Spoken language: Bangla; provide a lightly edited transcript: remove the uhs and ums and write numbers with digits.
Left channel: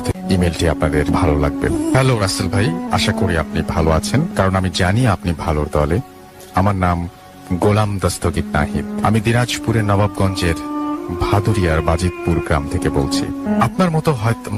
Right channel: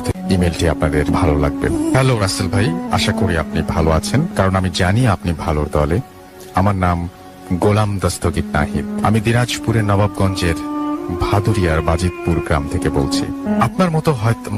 থেকে ইমেলটি আপনাদের ভালো লাগবে। হ্যালো রাসেল ভাই, আশা করি আপনি ভালো আছেন, কারণ আমি জানি আপনি ভালোর দলে। আমার নাম গোলাম দস্তগীর নাহিদ। আমি দিনাজপুরের নবাবগঞ্জের ভাদুরিয়ার বাজিতপুর গ্রাম থেকে বলছি। আপনার মতো হয়তো